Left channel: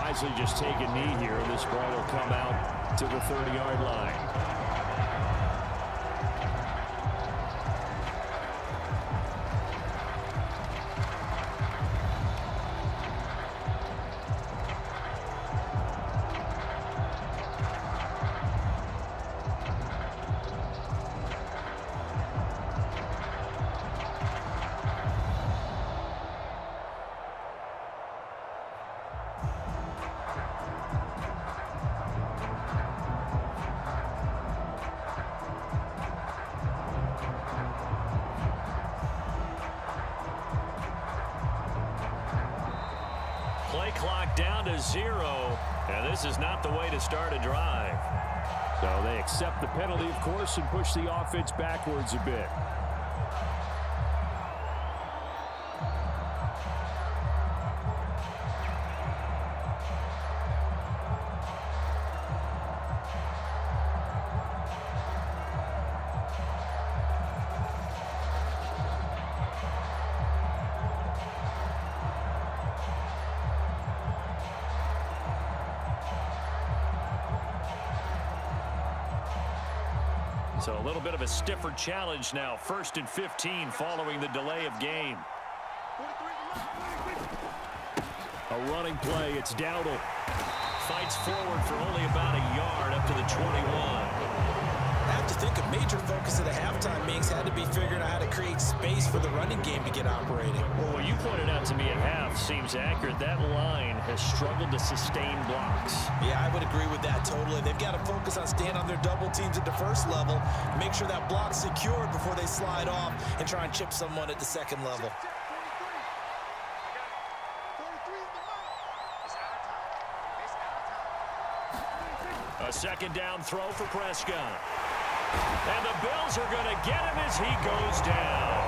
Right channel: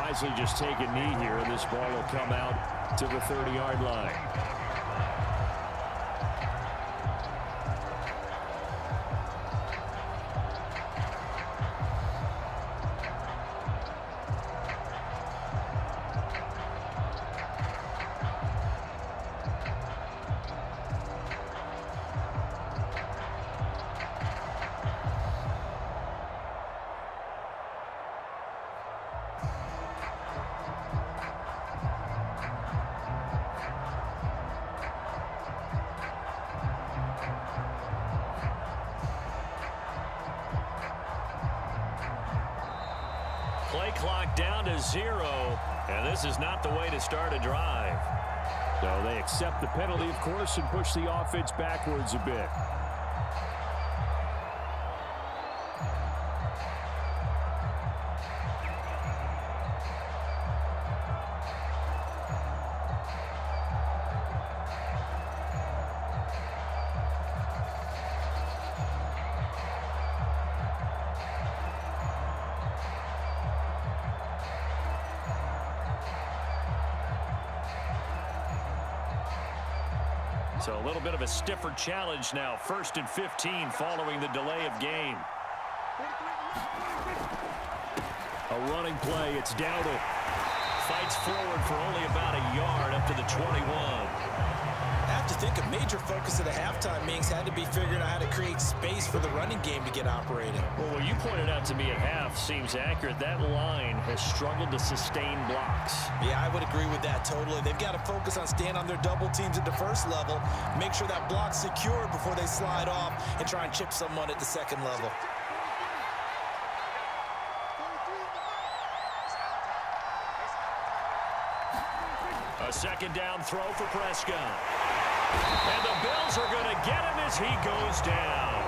wisely just take a knee here, and this ball will come out to the 30-yard line. Play clock down to 0, and this is not the way to start a drive. So they accept the penalty, of course, and push the offense backwards a bit. So a little bit of a stiffer challenge now. 1st and 15 following the delay of game. A running play. It's Dowdle. Fights forward for only about a yard up to the 21. I have to think a major focus of the halftime meetings had to be figuring out how to create space for the running game to get operating. Well, what you pointed out to me at half seems accurate. That line has struggled to sustain blocks. Yeah, I would agree with that totally. They've got to focus on staying on their double teams at the first level, make sure that block's secured before they slide off and try and chip someone at the second level. A second down throw for Prescott. And the Bills are going to get him as he goes down.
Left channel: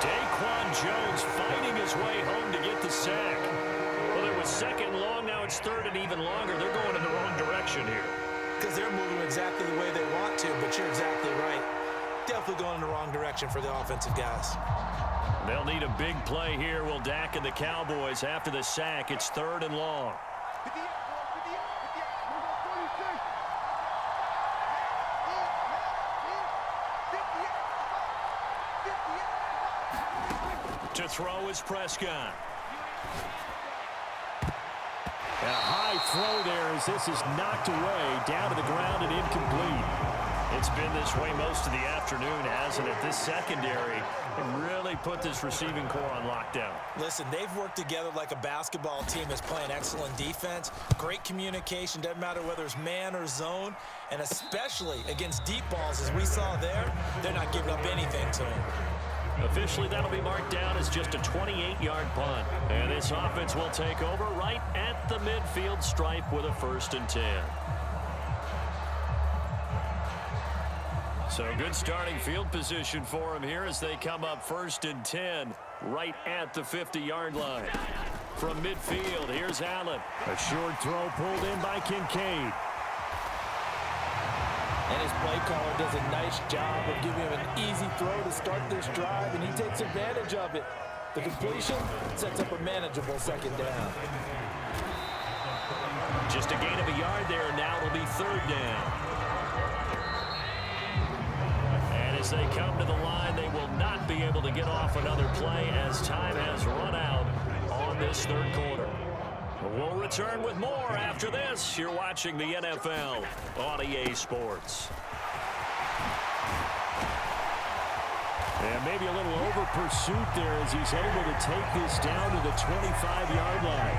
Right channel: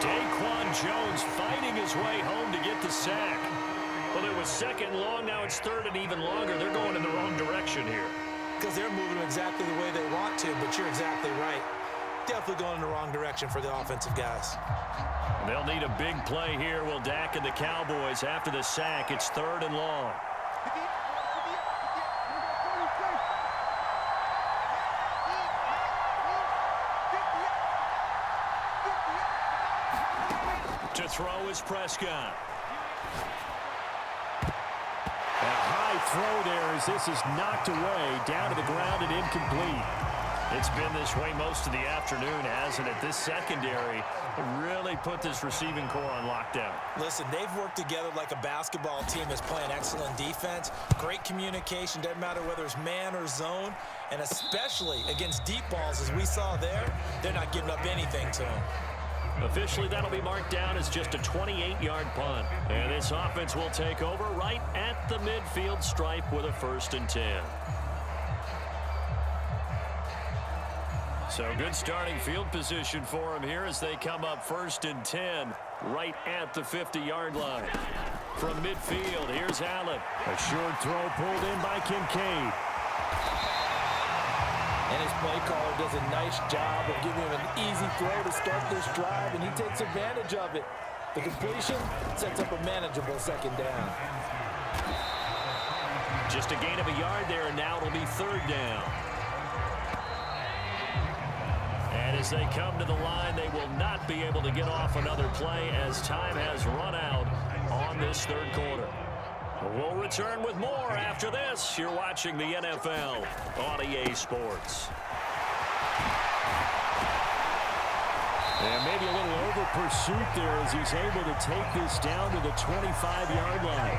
Daquan Jones fighting his way home to get the sack. Well, it was 2nd and long. Now it's 3rd and even longer. They're going in the wrong direction here. Because they're moving exactly the way they want to, but you're exactly right. Definitely going in the wrong direction for the offensive guys. They'll need a big play here. Will Dak and the Cowboys after the sack. It's 3rd and long. To throw is Prescott. And a high throw there as this is knocked away, down to the ground and incomplete. It's been this way most of the afternoon, hasn't it? This secondary really put this receiving core on lockdown. Listen, they've worked together like a basketball team that's playing excellent defense. Great communication, doesn't matter whether it's man or zone, and especially against deep balls as we saw there, they're not giving up anything to them. Officially, that'll be marked down as just a 28-yard punt. And this offense will take over right at the midfield stripe with a 1st and 10. So good starting field position for them here as they come up 1st and 10 right at the 50-yard line. From midfield, here's Allen. A short throw pulled in by Kincaid. And his play caller does a nice job of giving him an easy throw to start this drive, and he takes advantage of it. The completion sets up a manageable 2nd down. Just a gain of a yard there, and now it'll be 3rd down. And as they come to the line, they will not be able to get off another play as time has run out on this 3rd quarter. We'll return with more after this. You're watching the NFL on EA Sports. And maybe a little over pursuit there as he's able to take this down to the 25-yard line.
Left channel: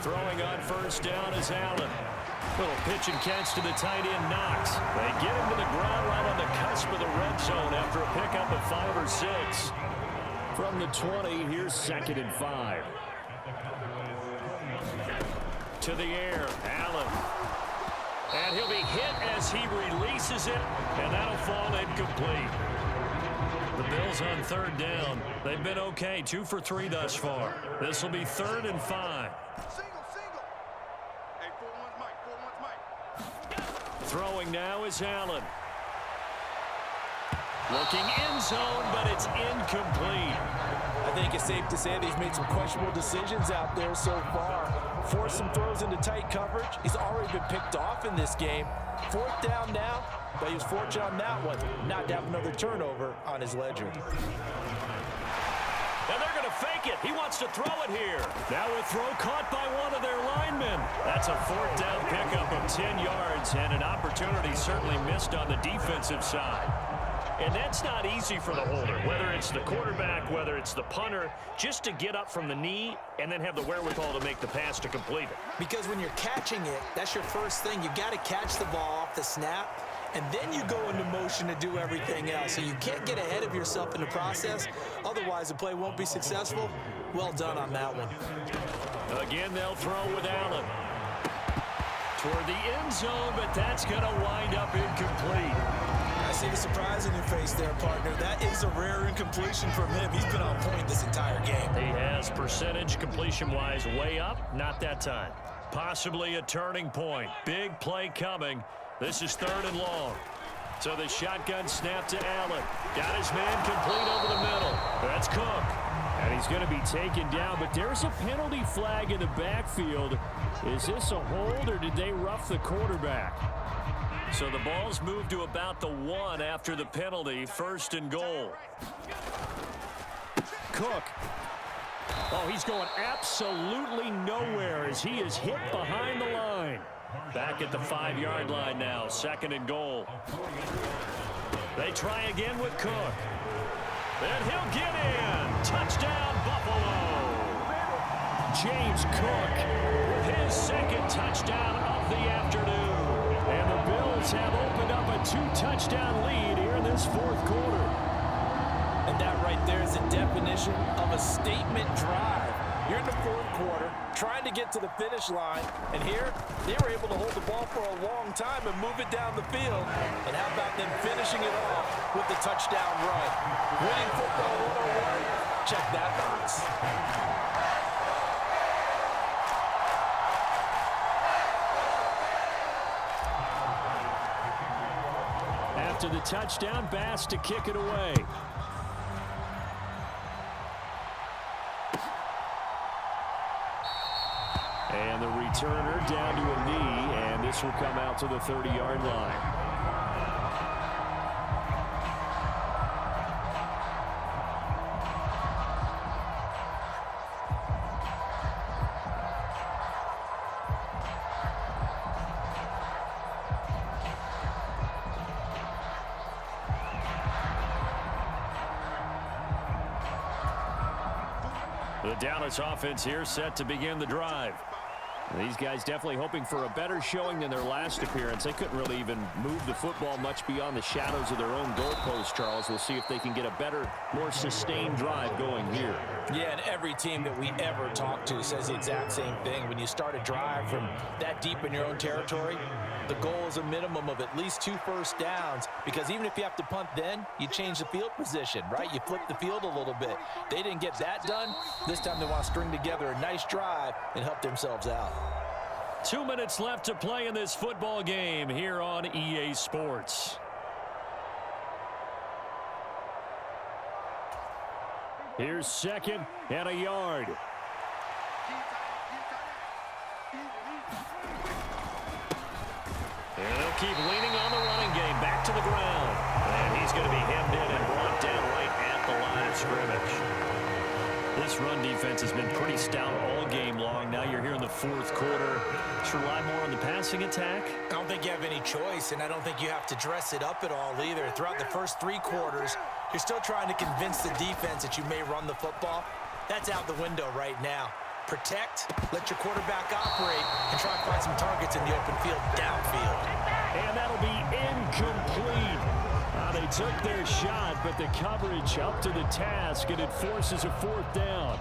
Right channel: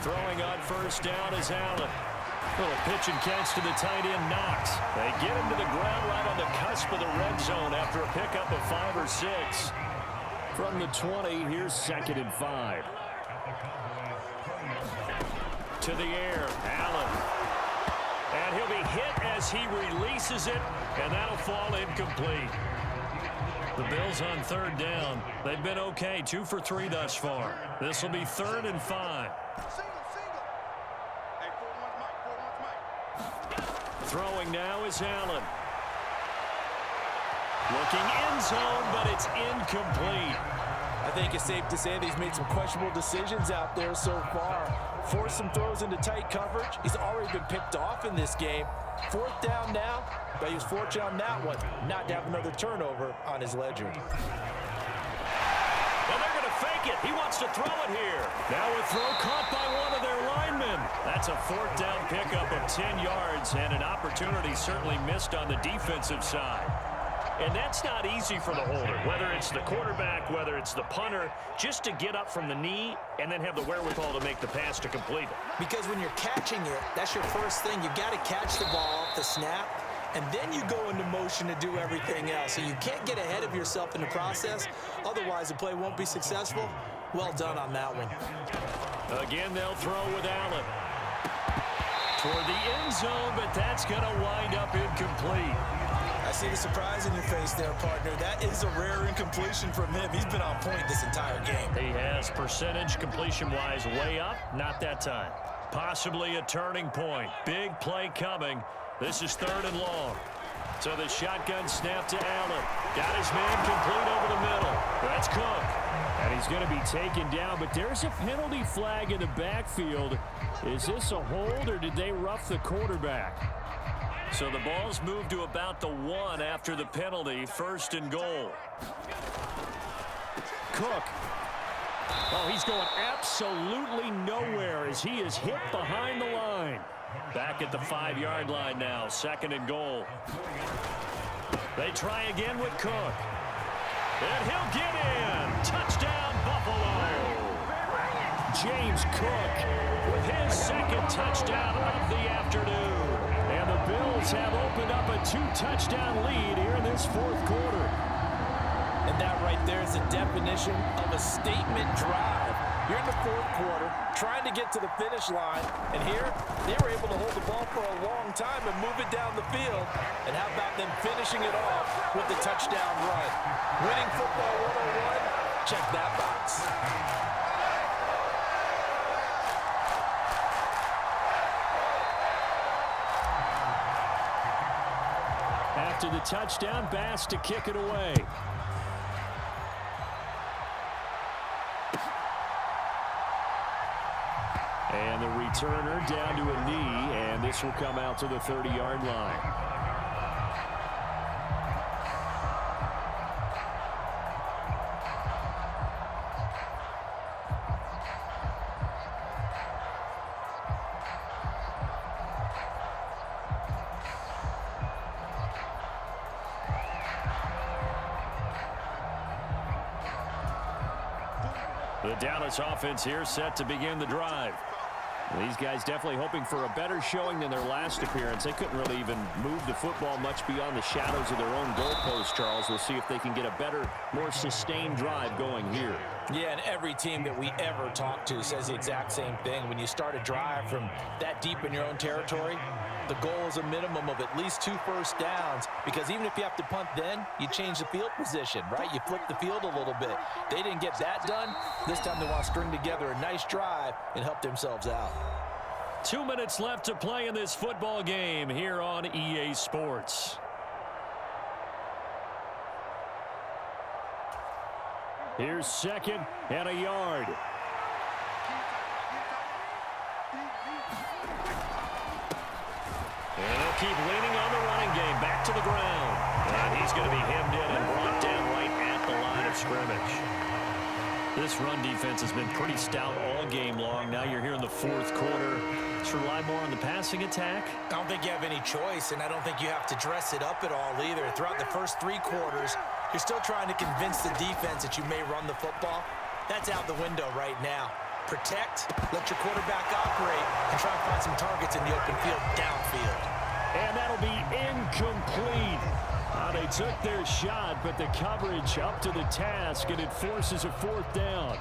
Throwing on 1st down is Allen. Little pitch and catch to the tight end, Knox. They get him to the ground right on the cusp of the red zone after a pickup of 5 or 6. From the 20, here's 2nd and 5. To the air, Allen. And he'll be hit as he releases it, and that'll fall incomplete. The Bills on 3rd down. They've been okay, 2 for 3 thus far. This will be 3rd and 5. Throwing now is Allen. Looking end zone, but it's incomplete. I think it's safe to say that he's made some questionable decisions out there so far. Forced some throws into tight coverage. He's already been picked off in this game. 4th down now, but he was fortunate on that one not to have another turnover on his ledger. And they're going to fake it. He wants to throw it here. Now a throw caught by one of their linemen. That's a 4th down pickup of 10 yards, and an opportunity certainly missed on the defensive side. And that's not easy for the holder, whether it's the quarterback, whether it's the punter, just to get up from the knee and then have the wherewithal to make the pass to complete it. Because when you're catching it, that's your first thing. You got to catch the ball off the snap, and then you go into motion to do everything else. So you can't get ahead of yourself in the process. Otherwise, the play won't be successful. Well done on that one. Again, they'll throw with Allen. Toward the end zone, but that's going to wind up incomplete. I see the surprise in your face there, partner. That is a rare incompletion from him. He's been on point this entire game. He has percentage completion-wise way up. Not that time. Possibly a turning point. Big play coming. This is 3rd and long. So the shotgun snap to Allen. Got his man complete over the middle. That's Cook. And he's going to be taken down, but there's a penalty flag in the backfield. Is this a hold, or did they rough the quarterback? So the ball's moved to about the 1 after the penalty. 1st and goal. Cook. Oh, he's going absolutely nowhere as he is hit behind the line. Back at the 5-yard line now. 2nd and goal. They try again with Cook. And he'll get in. Touchdown, Buffalo. James Cook with his 2nd touchdown of the afternoon. And the Bills have opened up a 2-touchdown lead here in this 4th quarter. And that right there is the definition of a statement drive. You're in the 4th quarter, trying to get to the finish line, and here they were able to hold the ball for a long time and move it down the field. And how about them finishing it off with the touchdown run? Winning football 101, check that box. After the touchdown, Bass to kick it away. And the returner down to a knee, and this will come out to the 30-yard line. The Dallas offense here set to begin the drive. These guys definitely hoping for a better showing than their last appearance. They couldn't really even move the football much beyond the shadows of their own goalpost, Charles. We'll see if they can get a better, more sustained drive going here. Yeah, and every team that we ever talk to says the exact same thing. When you start a drive from that deep in your own territory, the goal is a minimum of at least 2 first downs, because even if you have to punt then, you change the field position, right? You flip the field a little bit. They didn't get that done. This time they want to string together a nice drive and help themselves out. 2 minutes left to play in this football game here on EA Sports. Here's 2nd and a yard. And they'll keep leaning on the running game. Back to the ground. And he's going to be hemmed in and brought down right at the line of scrimmage. This run defense has been pretty stout all game long. Now you're here in the 4th quarter. Let's rely more on the passing attack. I don't think you have any choice, and I don't think you have to dress it up at all either. Throughout the first 3 quarters, you're still trying to convince the defense that you may run the football. That's out the window right now. Protect, let your quarterback operate, and try and find some targets in the open field downfield. And that'll be incomplete. They took their shot, but the coverage up to the task, and it forces a 4th down.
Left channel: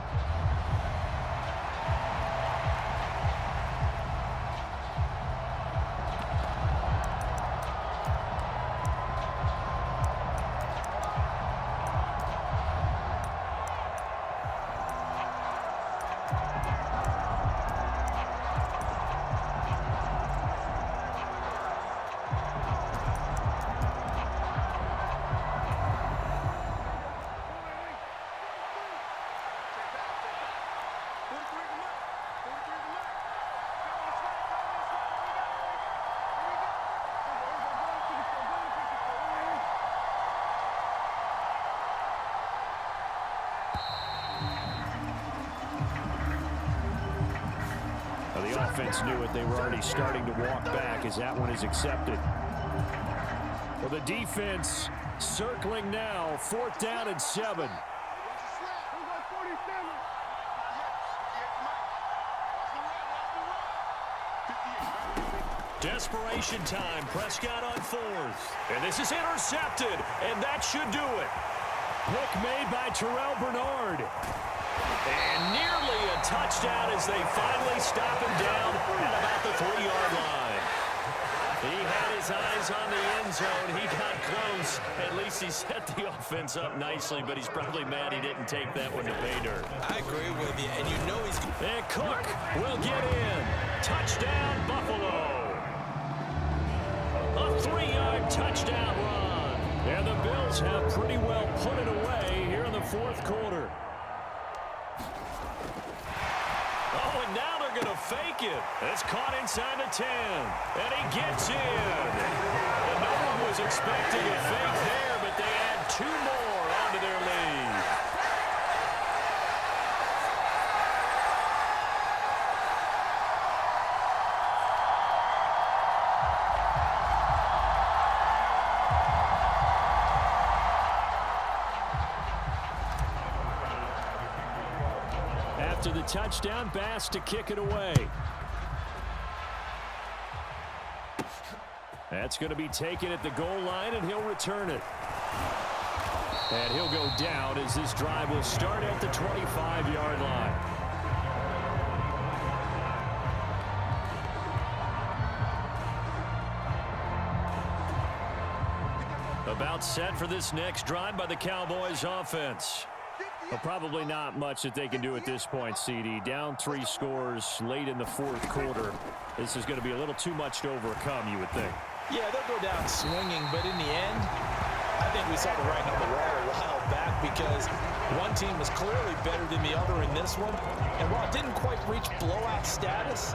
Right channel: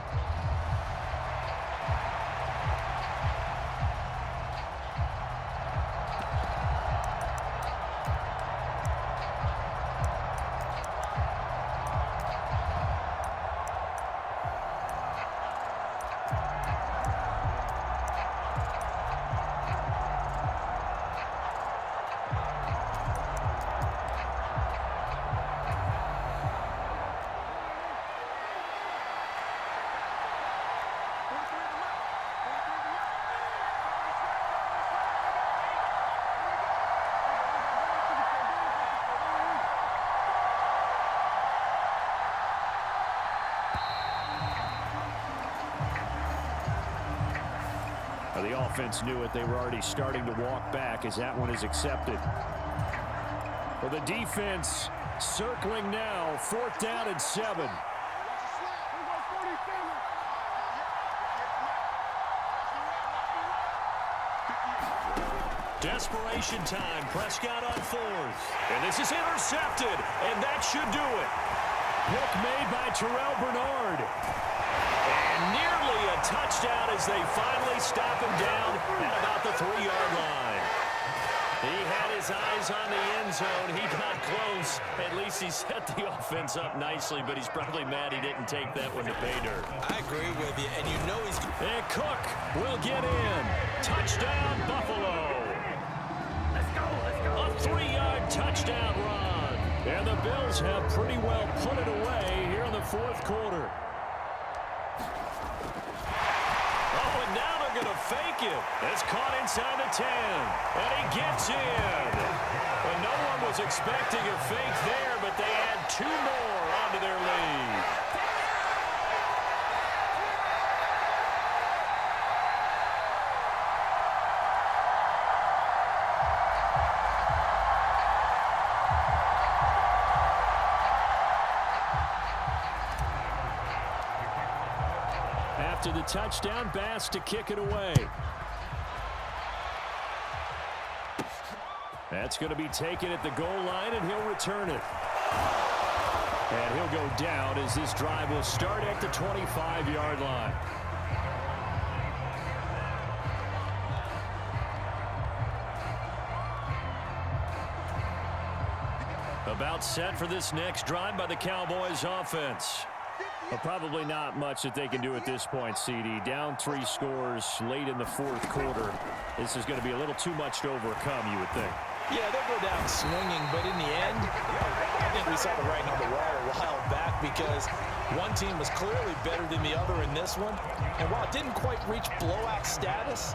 Well, the offense knew it. They were already starting to walk back as that one is accepted. Well, the defense circling now. 4th down and 7. Desperation time. Prescott on 4th. And this is intercepted, and that should do it. Pick made by Terrell Bernard. And nearly a touchdown as they finally stop him down at about the 3-yard line. He had his eyes on the end zone. He got close. At least he set the offense up nicely, but he's probably mad he didn't take that one to pay dirt. I agree with you, and you know he's... And Cook will get in. Touchdown, Buffalo. A 3-yard touchdown run. And the Bills have pretty well put it away here in the 4th quarter. Oh, and now they're going to fake it. It's caught inside the 10. And he gets in. And no one was expecting a fake there, but they add 2 more onto their lead. After the touchdown, Bass to kick it away. That's going to be taken at the goal line, and he'll return it. And he'll go down as this drive will start at the 25-yard line. About set for this next drive by the Cowboys offense. Well, probably not much that they can do at this point, CD. Down 3 scores late in the 4th quarter. This is going to be a little too much to overcome, you would think. Yeah, they'll go down swinging, but in the end, I think we saw the writing on the wall a while back because one team was clearly better than the other in this one. And while it didn't quite reach blowout status,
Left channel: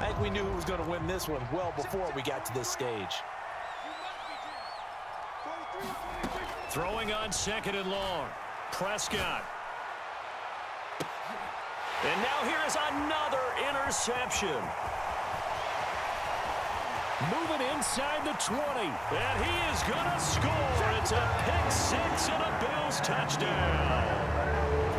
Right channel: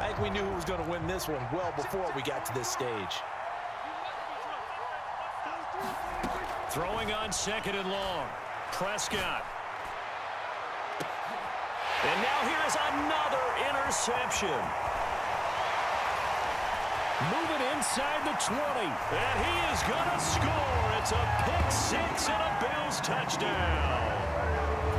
I think we knew who was going to win this one well before we got to this stage. Throwing on 2nd and long. Prescott. And now here is another interception. Moving inside the 20. And he is going to score. It's a pick-6 and a Bills touchdown.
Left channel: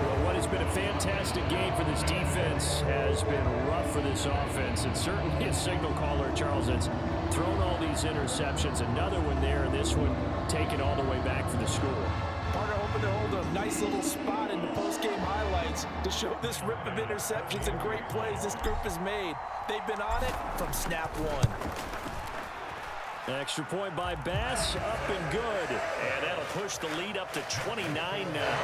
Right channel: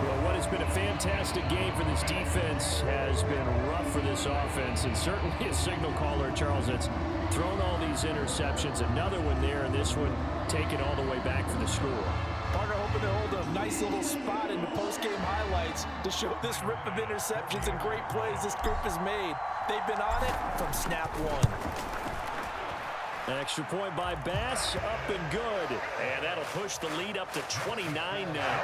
Well, what has been a fantastic game for this defense has been rough for this offense, and certainly a signal caller, Charles, that's thrown all these interceptions. Another one there, and this one taken all the way back for the score. Partner hoping to hold a nice little spot in the post-game highlights to show this rip of interceptions and great plays this group has made. They've been on it from snap 1. Extra point by Bass, up and good. And that'll push the lead up to 29 now.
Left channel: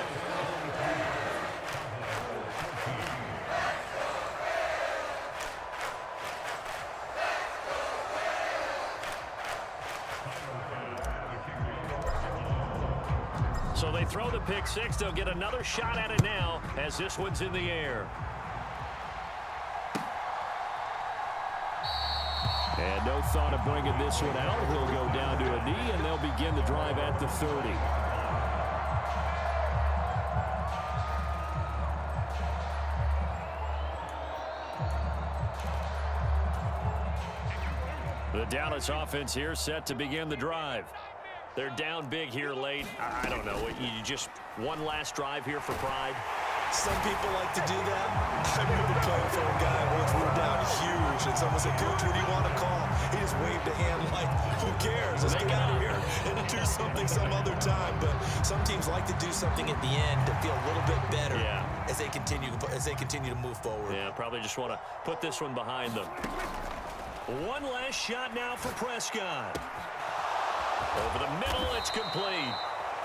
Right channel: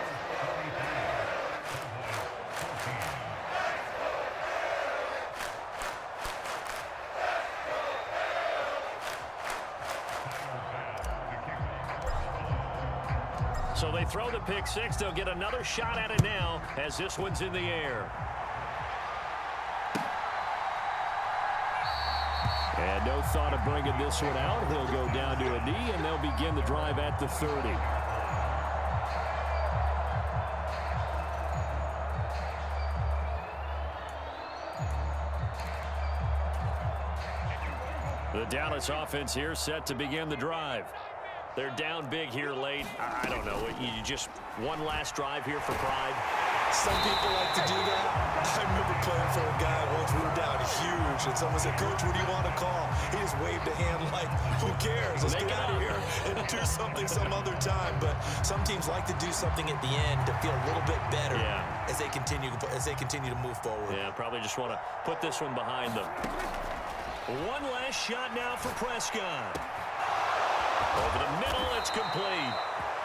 So they throw the pick-6. They'll get another shot at it now as this one's in the air. And no thought of bringing this one out. He'll go down to a knee, and they'll begin the drive at the 30. The Dallas offense here set to begin the drive. They're down big here late. I don't know. You just one last drive here for pride. Some people like to do that. I remember playing for a guy once. We were down huge, and someone said, "Coach, what do you want to call?" He just waved a hand like, "Who cares? Let's get out of here and do something some other time." But some teams like to do something at the end to feel a little bit better as they continue to move forward. Yeah, probably just want to put this one behind them. One last shot now for Prescott. Over the middle, it's complete.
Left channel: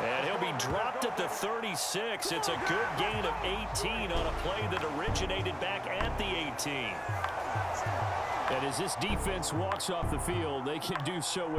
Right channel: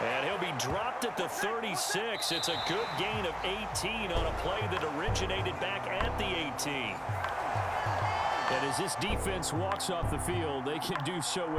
And he'll be dropped at the 36. It's a good gain of 18 on a play that originated back at the 18. And as this defense walks off the field, they can do so with